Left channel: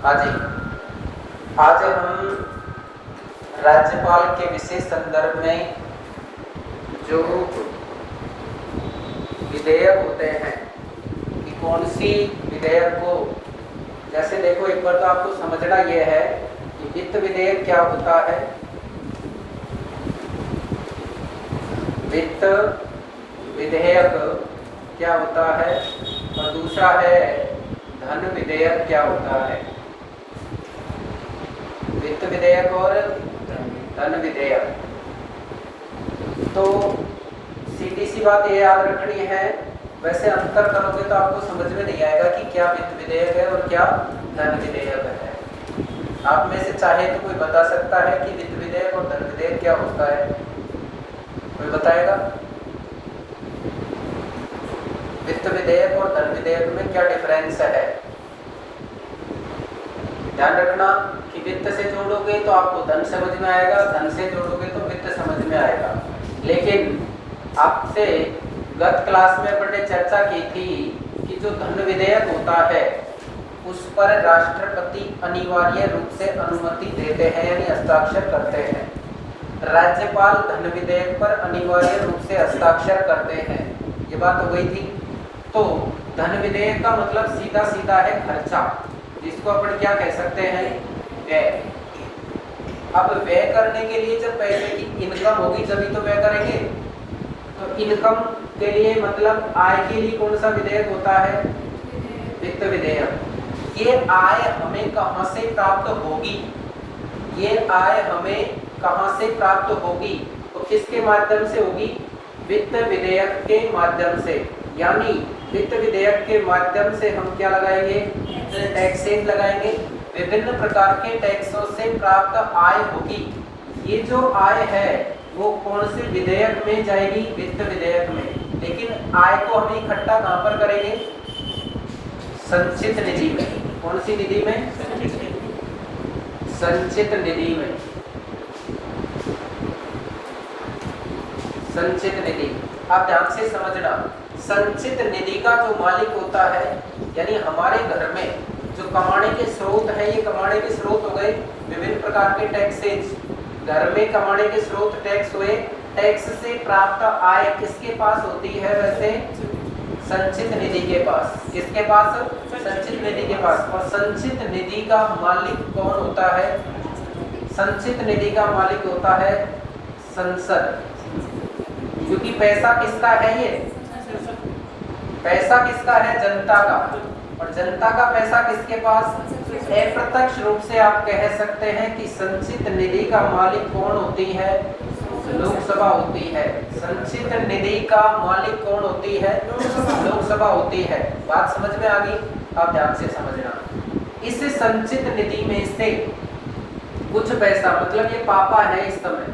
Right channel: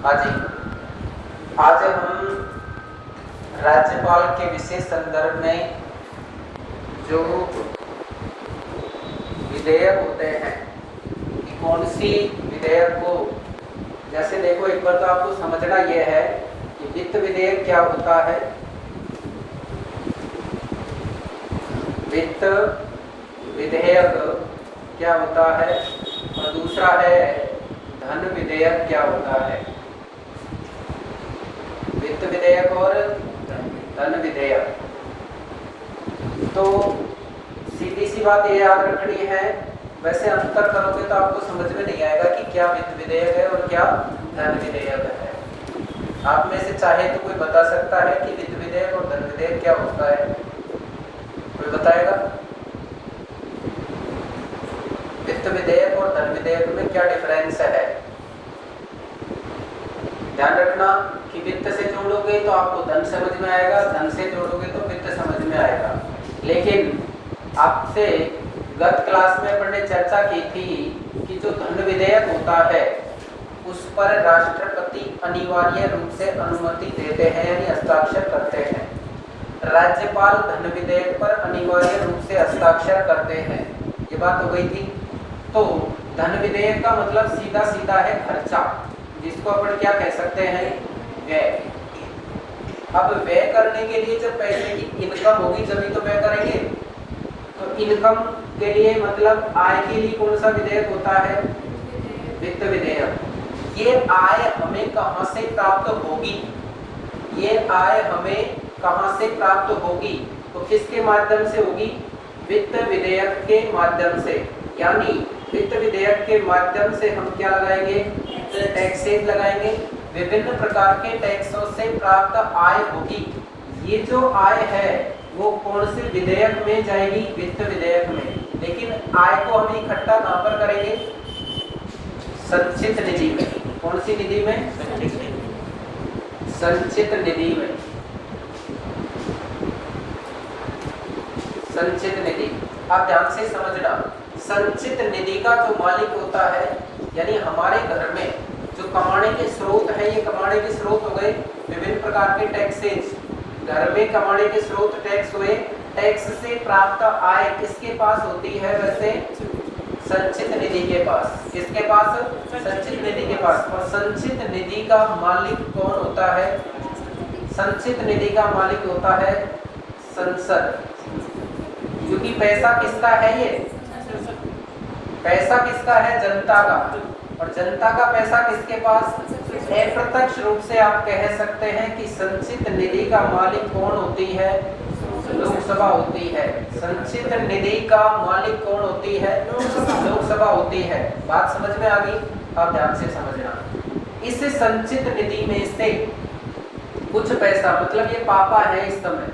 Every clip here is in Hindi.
आज हम राज्यपाल के विशेष संदर्भ में जो विधेयक होते हैं कि कौन सी विधेयक को, जैसे देखो एक बार तो आपको समझना यह है कि वित्त विधेयक क्या होता है, वित्त विधेयक क्या होता है, और दूसरा है धन विधेयक क्या होता है। वित्त विधेयक और धन विधेयक, तो सीधी सी बात ये याद रखनी है। वैसे अंतर करोगे तो आपको समझ में नहीं आएगा कि क्या वित्त विधेयक है और क्या धन विधेयक है। आप में से चाहे तो कोई बता सकता है कि वित्त विधेयक और धन विधेयक क्या होता है? कोई बताएगा? वित्त विधेयक और धन विधेयक में क्या डिफरेंस है? ध्यान रखना कि वित्त से जोड़ोगे तो आपको धन समझ में आएगा, धन से जोड़ोगे तो वित्त समझ में आएगा। लेकिन आपसे गत क्लास में अपने चर्चा की थी कि जो धन विधेयक होता है उस पर राष्ट्रपति अनिवार्य रूप से अनुमति देते हैं, यानी हस्ताक्षर करते हैं। राज्यपाल धन विधेयक पर अनिवार्य रूप से हस्ताक्षर करते हैं। ये बात हो गई थी। तो धन विधेयक का मतलब सीधा सीधा है खर्चा, जिसको अपन क्या कह सकते हैं? व्यय। अब व्यय करने के लिए जब पैसे की इनकम होगी तभी तो व्यय करेंगे। तो इनकम के लिए मतलब आय के लिए कौन सा विधेयक होता है? वित्त विधेयक। ये आय हमें कहां से प्राप्त होगी? ये आय हमें कहां से प्राप्त होगी? तो किसके माध्यम से होगी? वित्त विधेयक के माध्यम से। यानी वित्त विधेयक के माध्यम से हम क्या लगाएंगे? टैक्सेस लगाएंगे। विभिन्न प्रकार के टैक्सों से प्राप्त आय होगी। ये जो आय है वो कौन से विधेयक में जाएगी? वित्त विधेयक में। लेकिन आय को हम इकट्ठा कहां पर करेंगे? संचित निधि में। कौन सी निधि में? संचित निधि में। संचित निधि, आप ध्यान से समझना। संचित निधि का जो मालिक होता है, यानी हमारे घर में जो कमाने के स्रोत है, ये कमाने के स्रोत हो गए विभिन्न प्रकार के टैक्सेस। घर में कमाने के स्रोत टैक्स हुए। टैक्स से प्राप्त आय किसके पास होती है? वैसे संचित निधि के पास। किसके पास? संचित निधि के पास। और संचित निधि का मालिक कौन होता है? संचित निधि का मालिक होता है संसद। क्योंकि पैसा किसका है? ये पैसा किसका है? जनता का। और जनता का पैसा किसके पास? अप्रत्यक्ष रूप से आप कह सकते हैं कि संचित निधि का मालिक कौन होती है? लोकसभा होती है। संचित निधि का मालिक कौन होती है? लोकसभा होती है। बात समझ में आ गई? आप ध्यान से समझना। इस संचित निधि में से कुछ पैसा, मतलब ये पापा है इस समय,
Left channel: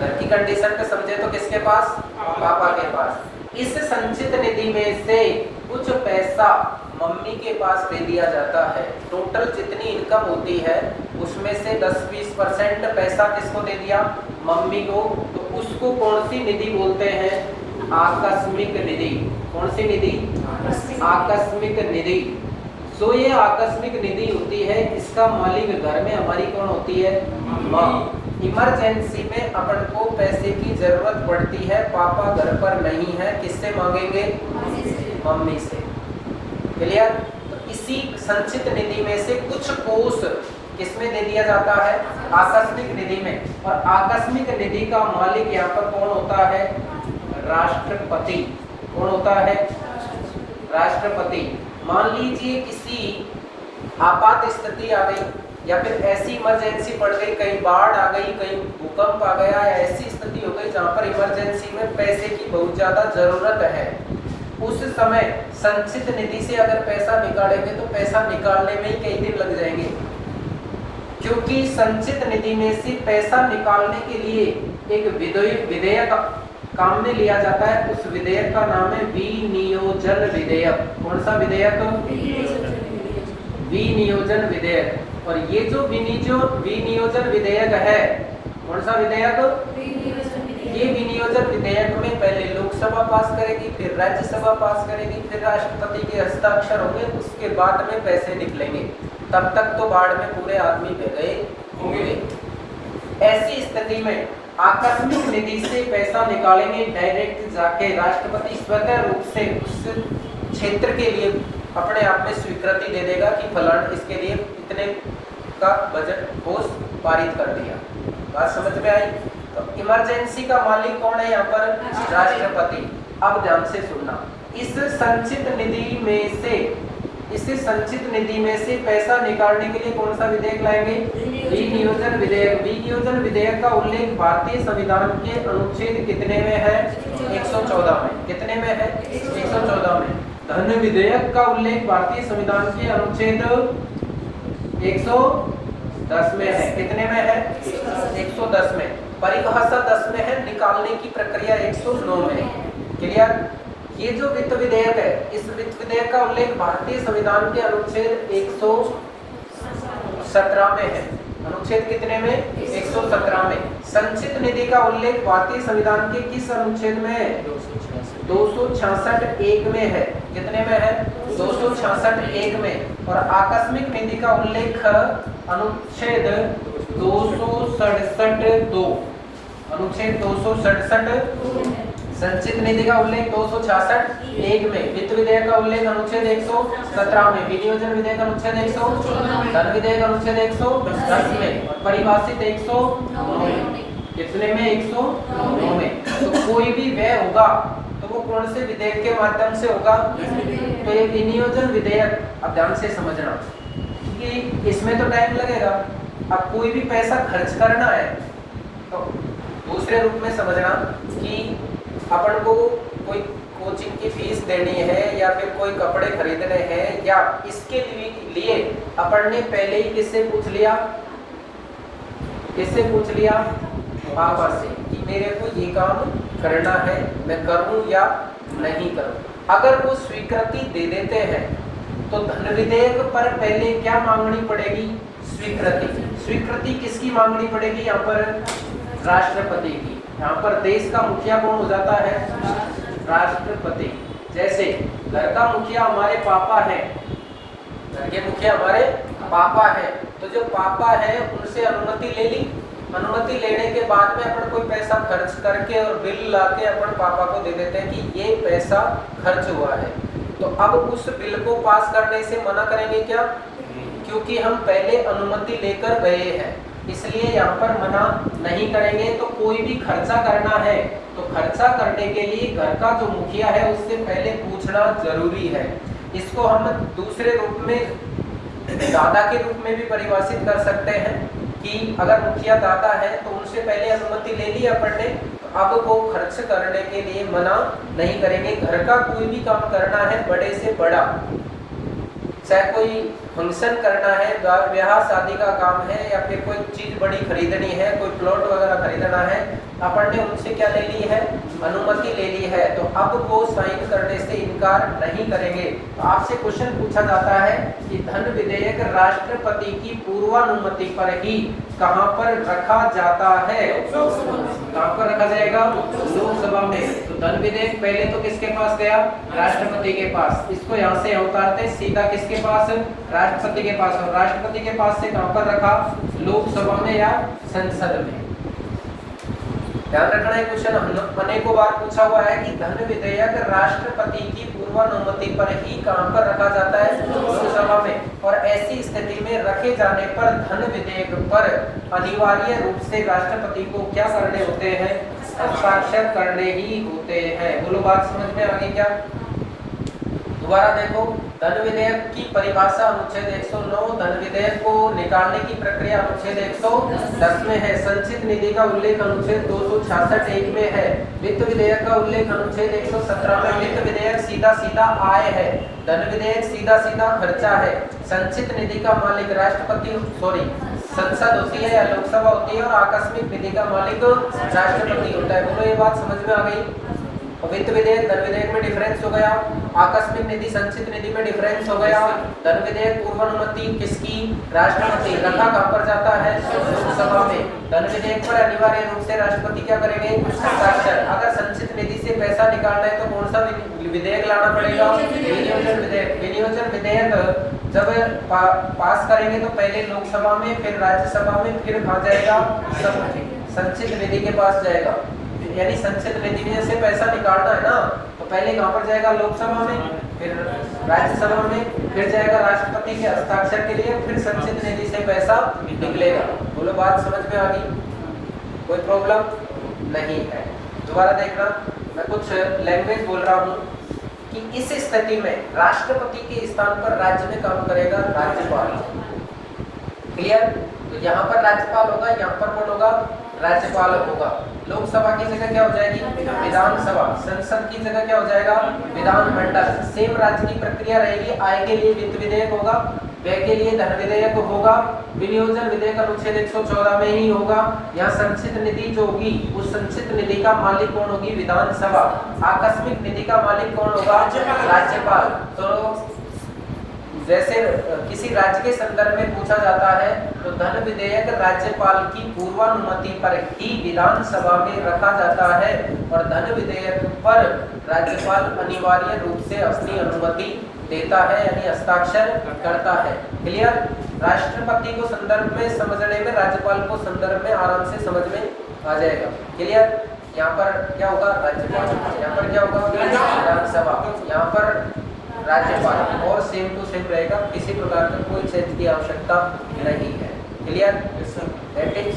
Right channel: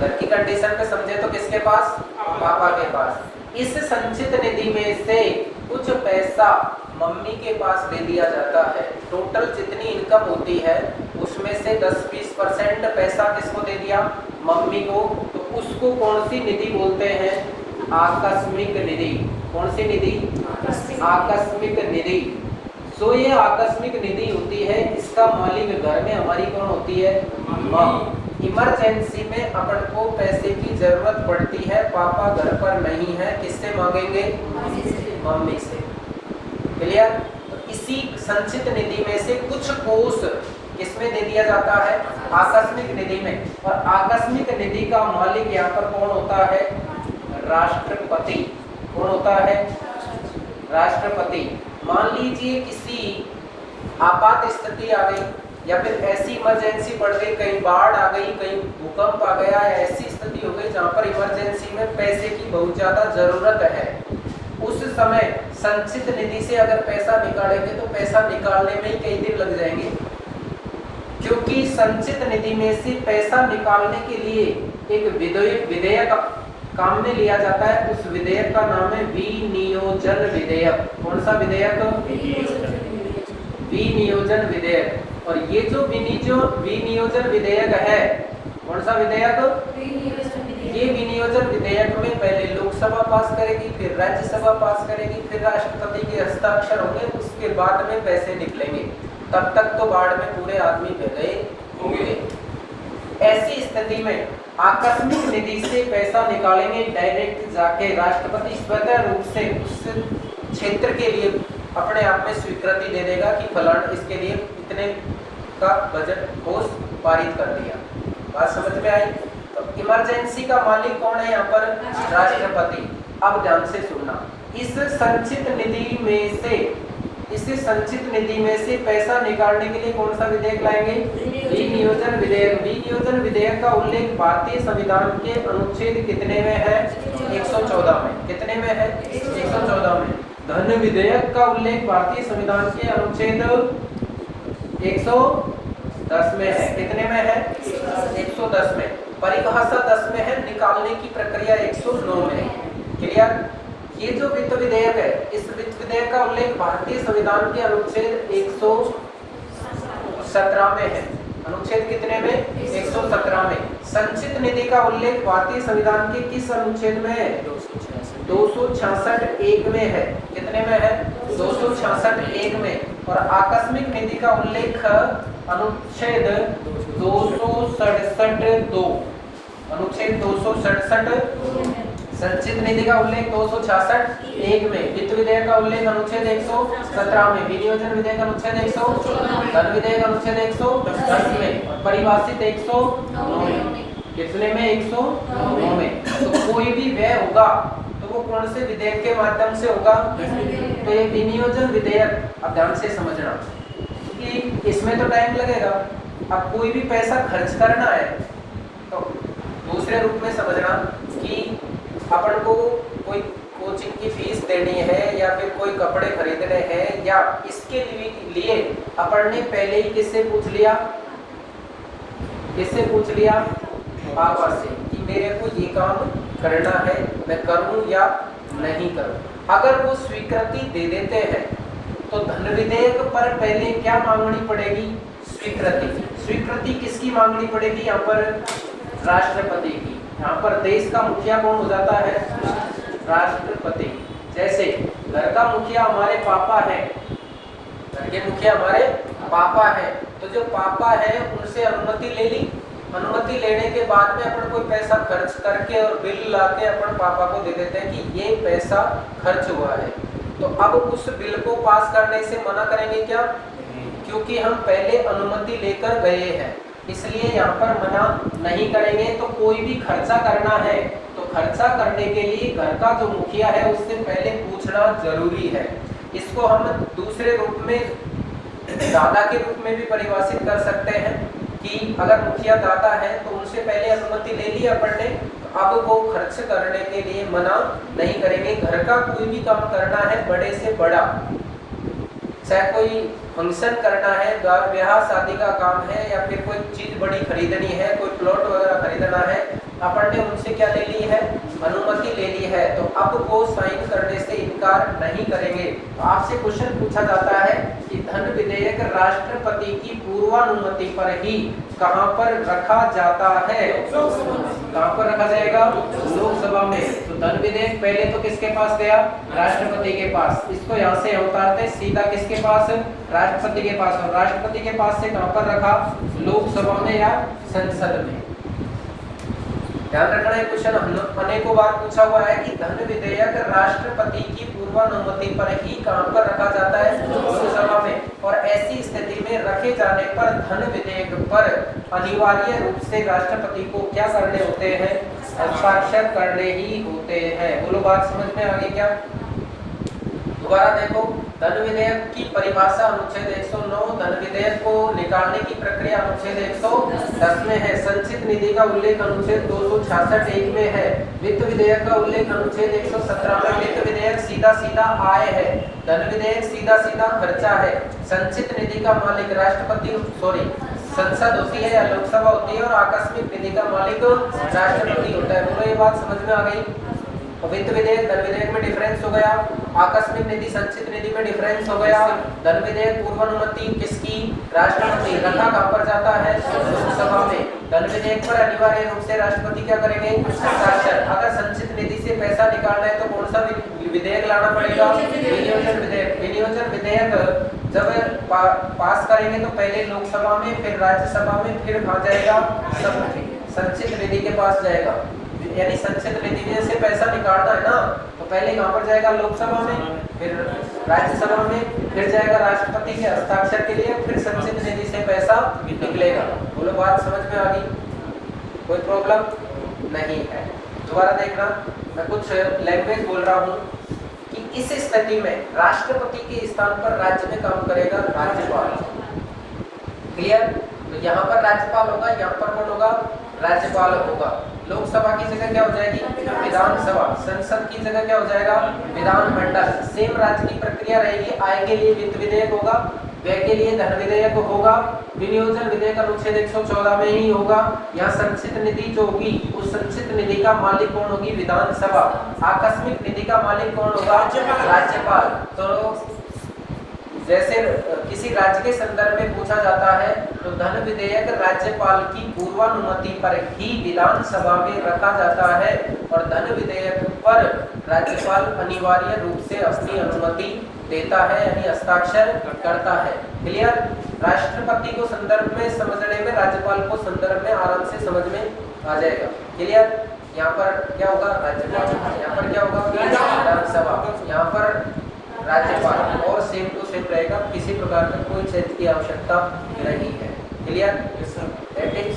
घर की कंडीशन पे समझे तो किसके पास? पापा के पास। इस संचित निधि में से कुछ पैसा मम्मी के पास दे दिया जाता है। टोटल जितनी इनकम होती है उसमें से 10-20% पैसा किसको दे दिया? मम्मी को। तो उसको कौन सी निधि बोलते हैं? आकस्मिक निधि। कौन सी निधि? आकस्मिक निधि। सो ये आकस्मिक निधि होती है, इसका मालिक घर में हमारी कौन होती है? माँ। इमरजेंसी में अपन को पैसे की जरूरत पड़ती है, पापा घर पर नहीं है, किससे मांगेंगे? मम्मी से। क्लियर? तो इसी संचित निधि में से कुछ कोष किसमें दे दिया जाता है? आकस्मिक निधि में। और आकस्मिक निधि का मालिक यहाँ पर कौन होता है? राष्ट्रपति। कौन होता है? राष्ट्रपति। मान लीजिए किसी आपात स्थिति आ गई, या फिर ऐसी इमरजेंसी पड़ गई, कहीं बाढ़ आ गई, कहीं भूकंप आ गया, ऐसी स्थिति हो गई जहाँ पर इमरजेंसी में पैसे की बहुत ज्यादा जरूरत है। उस समय संचित निधि से अगर पैसा निकालेंगे तो पैसा निकालने में ही कई दिन लग जाएंगे, क्योंकि संचित निधि में से पैसा निकालने के लिए एक विधेयक काम में लिया जाता है। उस विधेयक का नाम है विनियोजन विधेयक। कौन सा विधेयक? विनियोजन विधेयक। और ये जो विनियोजन विधेयक है, कौन सा विधेयक? ये विनियोजन विधेयक में पहले लोकसभा पास करेगी, फिर राज्यसभा पास करेगी, फिर राष्ट्रपति के हस्ताक्षर होंगे, उसके बाद में पैसे निकलेंगे। तब तक तो बाढ़ में पूरे आदमी बह गए होंगे। ऐसी स्थिति में आकस्मिक निधि से पैसा निकालेंगे, डायरेक्ट जाके राष्ट्रपति स्वतः रूप से उस क्षेत्र के लिए अपने आप में स्वीकृति दे देगा कि फलान इसके लिए इतने का बजट कोष पारित कर दिया। बात समझ में आई? तो इमरजेंसी का मालिक कौन है यहाँ पर? राष्ट्रपति। अब ध्यान से सुनना, इस संचित निधि में से पैसा निकालने के लिए कौन सा विधेयक लाएंगे? विनियोजन विधेयक। विनियोजन विधेयक का उल्लेख भारतीय संविधान के अनुच्छेद कितने में है? 114 में। कितने में है? 114 में। धन विधेयक का उल्लेख भारतीय संविधान के अनुच्छेद 110 में है। कितने में है? 110 में। परिभाषा 10 में है, निकालने की प्रक्रिया 109 में है। क्लियर? ये जो वित्त विधेयक है, इस वित्त विधेयक का उल्लेख भारतीय संविधान के अनुच्छेद 117 में है। अनुच्छेद कितने में? 117 में। संचित निधि का उल्लेख भारतीय संविधान के किस अनुच्छेद में है? 266(1) में है। कितने में है? 266(1) में। और आकस्मिक निधि का उल्लेख अनुच्छेद 267(2). अनुच्छेद 267। संचित निधि का उल्लेख 266(1) में। वित्त विधेयक का उल्लेख अनुच्छेद 117 में। विनियोजन विधेयक अनुच्छेद 100, धन विधेयक अनुच्छेद 110 में। परिभाषित 109 में। कितने में? 109 में। तो कोई भी व्यय होगा तो वो कौन से विधेयक के माध्यम से होगा? तो ये विनियोजन विधेयक। अब ध्यान से समझना, क्योंकि इसमें तो टाइम लगेगा। अब कोई भी पैसा खर्च करना है तो दूसरे रूप में समझना कि अपन को कोई कोचिंग की फीस देनी है या फिर कोई कपड़े खरीदने हैं, या इसके लिए अपन ने पहले ही किससे पूछ लिया? किससे पूछ लिया? पापा से कि मेरे को ये काम करना है, मैं करूं या नहीं करूं। अगर वो स्वीकृति दे देते हैं तो धन विधेयक पर पहले क्या मांगनी पड़ेगी? स्वीकृति। स्वीकृति किसकी मांगनी पड़ेगी यहाँ पर? राष्ट्रपति की। यहाँ पर देश का मुखिया कौन हो जाता है? राष्ट्रपति। जैसे घर का मुखिया हमारे पापा हैं, घर के मुखिया हमारे पापा हैं, तो जो पापा है उनसे अनुमति ले ली। अनुमति लेने के बाद में अपन कोई पैसा खर्च करके और बिल लाके अपन पापा को दे देते हैं कि ये पैसा खर्च हुआ है। तो अब उस बिल को पास करने से मना करेंगे क्या? क्योंकि हम पहले अनुमति लेकर गए हैं, इसलिए यहाँ पर मना नहीं करेंगे। तो कोई भी खर्चा करना है तो खर्चा करने के लिए घर का जो मुखिया है उससे पहले पूछना जरूरी है। इसको हम दूसरे रूप में दादा के रूप में भी परिभाषित कर सकते हैं कि अगर मुखिया दादा है तो उनसे पहले अनुमति ले ली अपन ने, अब वो खर्च करने के लिए मना नहीं करेंगे। घर का कोई भी काम करना है, बड़े से बड़ा, चाहे कोई फंक्शन करना है, ब्याह शादी का काम है, या फिर कोई चीज बड़ी खरीदनी है, कोई प्लॉट वगैरह खरीदना है, अपन ने उनसे क्या ले ली है? अनुमति ले ली है। तो अब वो साइन करने से इनकार नहीं करेंगे। आपसे क्वेश्चन पूछा जाता है कि धन विधेयक राष्ट्रपति की पूर्वानुमति पर ही कहाँ पर रखा जाता है? कहाँ पर रखा जाएगा? लोकसभा में। तो धन विधेयक पहले तो किसके पास गया? राष्ट्रपति के पास। इसको यहाँ से उतारते सीधा किसके पास? राष्ट्रपति के पास। और राष्ट्रपति के पास से कहाँ पर रखा? लोकसभा में या संसद में। ध्यान रखना है, क्वेश्चन अनेकों बार पूछा हुआ है कि धन विधेयक राष्ट्रपति की पूर्वानुमति पर ही कहाँ पर रखा जाता है? लोकसभा में। और ऐसी स्थिति में रखे जाने पर धन विधेयक पर अनिवार्य रूप से राष्ट्रपति को क्या करने होते हैं? हस्ताक्षर करने ही होते हैं। बोलो, बात समझ में आ गई क्या? दोबारा देखो, धन विधेयक की परिभाषा अनुच्छेद 109, धन विधेयक को निकालने की प्रक्रिया अनुच्छेद 110 में है। संचित निधि का उल्लेख अनुच्छेद 266(1) में है। वित्त विधेयक का उल्लेख अनुच्छेद 117 में। वित्त विधेयक सीधा सीधा आय है, धन विधेयक सीधा सीधा खर्चा है। संचित निधि का मालिक संसद होती है या लोकसभा होती है, और आकस्मिक निधि का मालिक राष्ट्रपति होता है। बोलो, ये बात समझ में आ गई? और वित्त विधेयक धन विधेयक में डिफरेंस हो गया, आकस्मिक निधि संचित निधि में डिफरेंस हो गया। धन विधेयक पूर्वानुमति किसकी, राष्ट्रपति, रखा कहाँ पर जाता है, लोकसभा में। धन विधेयक पर अनिवार्य रूप से राष्ट्रपति क्या करेंगे, हस्ताक्षर। अगर संचित निधि से पैसा निकालना है तो कौन सा विधेयक लाना पड़ेगा, विनियोजन विधेयक। विनियोजन विधेयक जब पास करेंगे तो पहले लोकसभा में, फिर राज्यसभा में, फिर कहाँ जाएगा, संचित निधि के पास जाएगा। यानी संचित निधि से पैसा निकालना है ना, तो पहले कहाँ पर जाएगा, लोकसभा में, फिर राज्यसभा में, फिर जाएगा राष्ट्रपति के हस्ताक्षर के लिए, फिर संचित निधि से पैसा निकलेगा। बोलो बात समझ में आ गई, कोई प्रॉब्लम नहीं है। दोबारा देखना, मैं कुछ लैंग्वेज बोल रहा हूँ कि इस स्थिति में राष्ट्रपति के स्थान पर राज्य में काम करेगा राज्यपाल। क्लियर? तो यहाँ पर राज्यपाल होगा, यहाँ पर कौन होगा, राज्यपाल होगा। लोकसभा की जगह क्या हो जाएगी, विधानसभा। संसद की जगह क्या हो जाएगा, विधानमंडल। सेम राज्य की प्रक्रिया रहेगी। आय के लिए वित्त विधेयक होगा, व्यय के लिए धन विधेयक होगा, विनियोजन विधेयक अनुच्छेद 114 में ही होगा। यहाँ संचित निधि जो होगी, उस संचित निधि का मालिक कौन होगी, विधानसभा। आकस्मिक निधि का मालिक कौन होगा, राज्यपाल। तो जैसे किसी राज्य के संदर्भ में पूछा जाता है तो धन विधेयक राज्यपाल की पूर्वानुमति पर ही विधानसभा में रखा जाता है, और धन विधेयक पर राज्यपाल अनिवार्य रूप से अपनी अनुमति देता है, यानी हस्ताक्षर करता है। क्लियर? राष्ट्रपति को संदर्भ में समझने में, राज्यपाल को संदर्भ में आराम से समझ में आ जाएगा। क्लियर? यहाँ पर क्या होगा, राज्यपाल, यहाँ पर क्या होगा, विधानसभा, यहाँ पर राज्यपाल, और सेम टू सेम रहेगा। किसी प्रकार का कोई चेंज की आवश्यकता नहीं है। क्लियर? दैट इज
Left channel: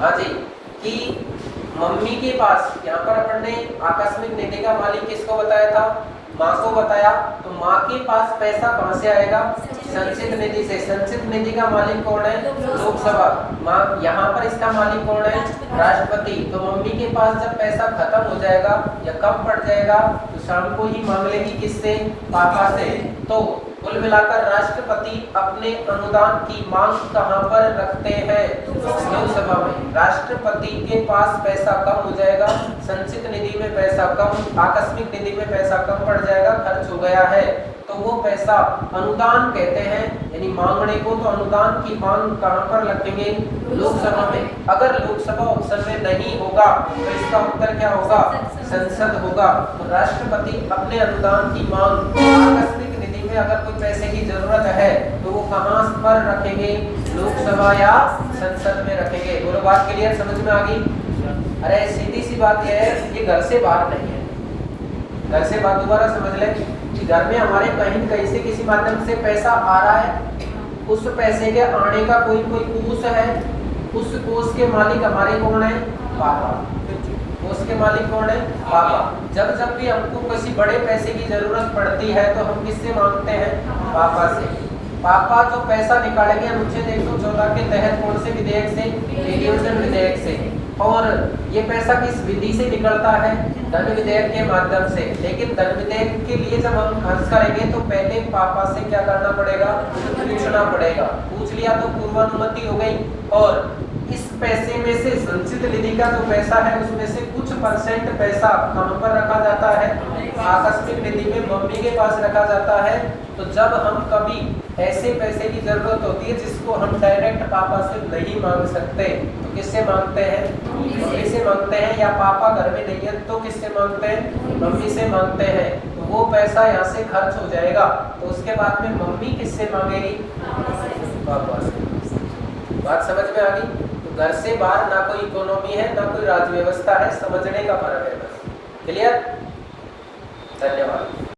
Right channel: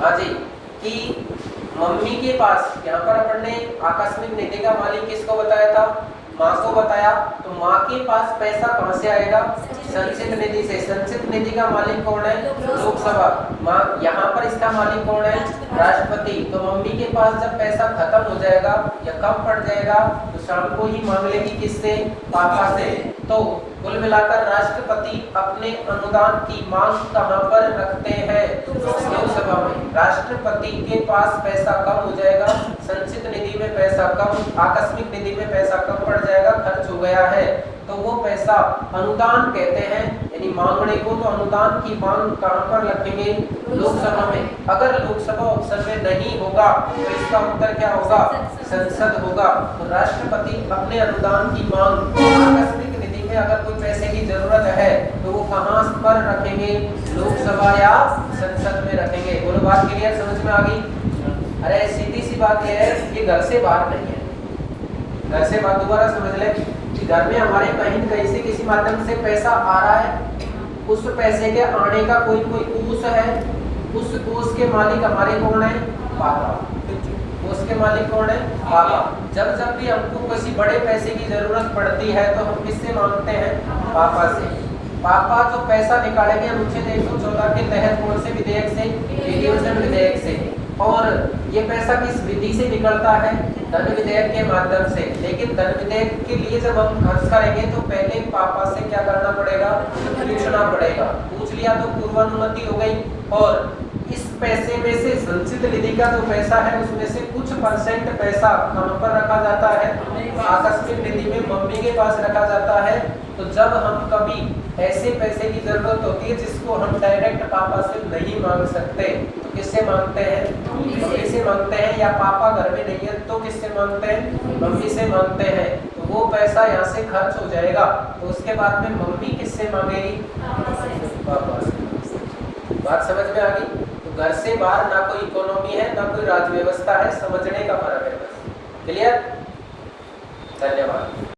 हाँ जी, कि मम्मी के पास, यहाँ पर अपन ने आकस्मिक निधि का मालिक किसको बताया था, माँ को बताया। तो माँ के पास पैसा कहाँ से आएगा, संचित निधि से। संचित निधि का मालिक कौन है, लोकसभा। माँ, यहाँ पर इसका मालिक कौन है, राष्ट्रपति। तो मम्मी के पास जब पैसा खत्म हो जाएगा या कम पड़ जाएगा तो शाम को ही मांग लेगी किससे, पापा से। तो कुल मिलाकर राष्ट्रपति अपने अनुदान की मांग कहाँ पर रखते हैं, लोकसभा में। राष्ट्रपति के पास पैसा कम हो जाएगा, संचित निधि में पैसा कम, आकस्मिक निधि में पैसा कम पड़ जाएगा, खर्च हो गया है, तो वो पैसा अनुदान कहते हैं, यानी मांगने को। तो अनुदान की मांग कहाँ पर रखेंगे, लोकसभा में। अगर लोकसभा ऑप्शन में नहीं होगा तो इसका उत्तर क्या होगा, संसद होगा। तो राष्ट्रपति अपने अनुदान की मांग, आकस्मिक निधि में अगर कोई पैसे की जरूरत है तो वो कहाँ पर रखेंगे, लोकसभा या संसद में रखेंगे। दोनों बात क्लियर, समझ में आ गई? अरे सीधी सी बात यह है कि घर से बाहर नहीं है। घर से बात दोबारा समझ ले कि घर में हमारे कहीं से किसी माध्यम से पैसा आ रहा है, उस पैसे के आने का कोई कोष है, उस कोष के मालिक हमारे कौन है, पापा। कोष के मालिक कौन है, पापा। जब जब भी हमको किसी बड़े पैसे की जरूरत पड़ती है तो हम किससे मांगते हैं, पापा से। पापा तो पैसा निकालेंगे अनुच्छेद 114 के तहत, कौन से विधेयक से, विनियोजन विधेयक से। और ये पैसा किस विधि से निकलता है, धन विधेयक के माध्यम से। लेकिन धन विधेयक के लिए जब हम खर्च करेंगे तो पहले पापा से क्या करना पड़ेगा, पूछना पड़ेगा। पूछ लिया तो पूर्वानुमति हो गई। और इस पैसे में से संचित निधि का जो पैसा है उसमें से कुछ परसेंट पैसा कहाँ पर रखा जाता है, आकस्मिक निधि में मम्मी के पास रखा जाता है। तो जब हम कभी ऐसे पैसे की जरूरत होती है जिसको हम डायरेक्ट पापा से नहीं मांग सकते तो किससे मांगते हैं, मम्मी से मांगते हैं। या पापा घर में नहीं है तो किससे मांगते हैं, मम्मी से मांगते हैं। तो वो पैसा यहाँ से खर्च हो जाएगा तो उसके बाद में मम्मी किससे मांगेगी, पापा से। बात समझ में आ गई? तो घर से बाहर ना कोई इकोनॉमी है ना कोई राज्य व्यवस्था है, समझने का फर्क है। क्लियर? धन्यवाद।